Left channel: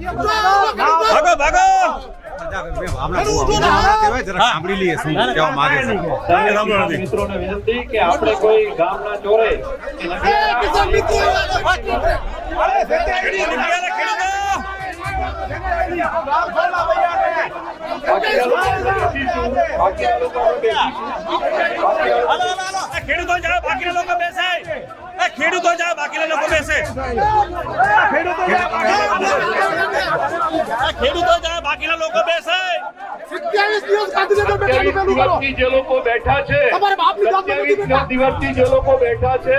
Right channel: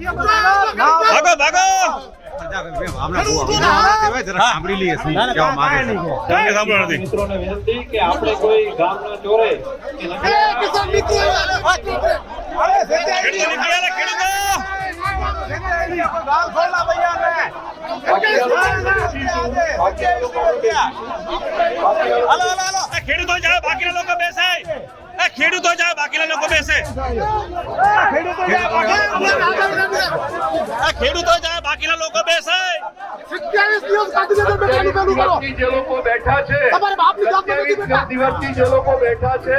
ભાગો ભાગો. સાંભળી લઈએ શું કહેવા માંગે છે મિત્રોને વિનંતી કે આપણે કોઈ ગામના ચોરે ખેડૂતો જાય લોકો બેસે. ખેડૂતો જાય બાકીના લોકો બેસે. ખેડૂતો જાય બાકીના લોકો બેસે. સત્યાવીસ દિવસ ગાંધીનગર જે લોકો બેઠા છે. દિવસથી જે લોકો બેઠા છે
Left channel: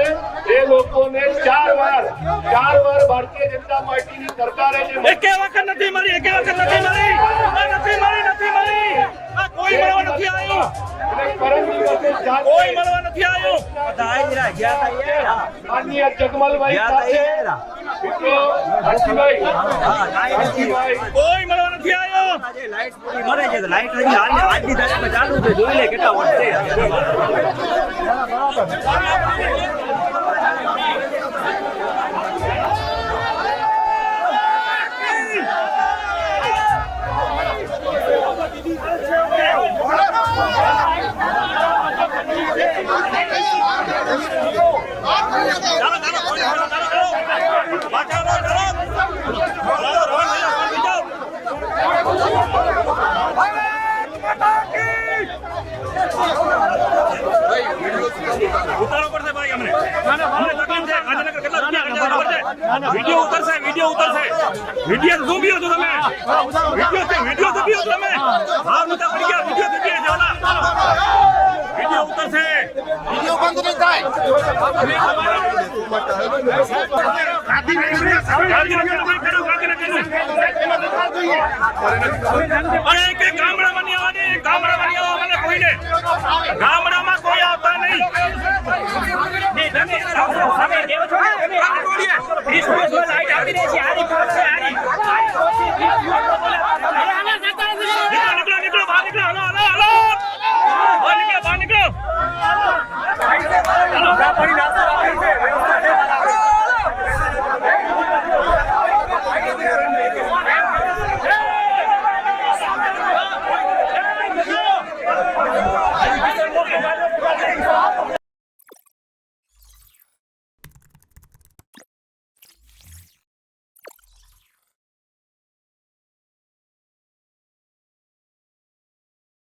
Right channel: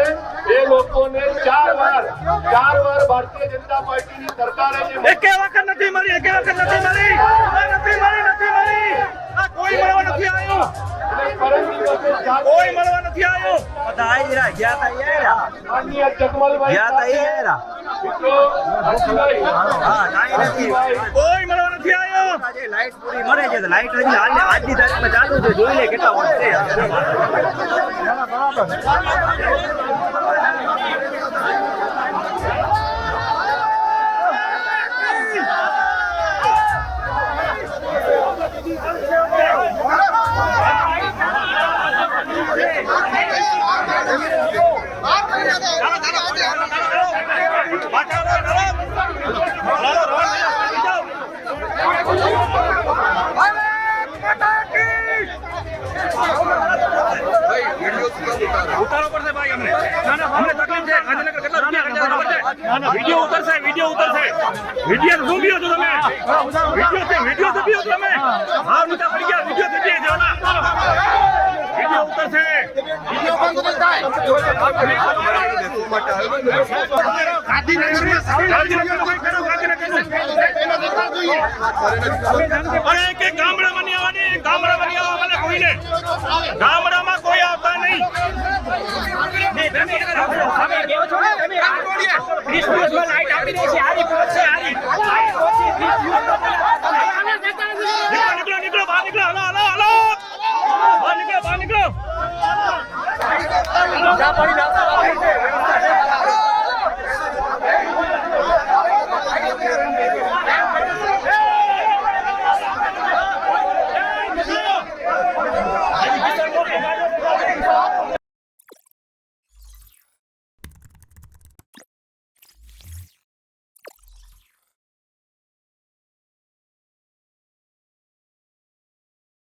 એ લોકોને ચાર વાર ચાર વાર ભારતીય જનતા પાર્ટીની સરકારે એકે વખત નથી મળી એકે વખત નથી મળી? નથી મળી નથી મળી. કોઈ મળવા નથી આવ્યું અને પરમ દિવસે ચાર કોઈ મળવા નથી આવ્યો. માનનીય જગમલભાઈ સાથે કોઈ મળવા નથી આવ્યો. ઉતારો પડશે ભાઈ અમને ના આજની તારીખમાં ચાલુ છે ગાંધીનગર કેટલા વર્ષ ખર્ચા વીડિયો ઉતરશે વીડિયો ઉતરશે વીડિયો ઝૂમ ગયો છો તમે વીડિયો વીડિયો ઝૂમ ગયો તમે હા નીચે પડી ગયા વીડિયો ઝૂમ ગયા નહીં થાય ગામડામાં નહીં આવવાની, ગામડામાં નહીં આવવા મને કોઈને. ગામડામાં કોઈ આવતા નહીં. નીકળો Dapat.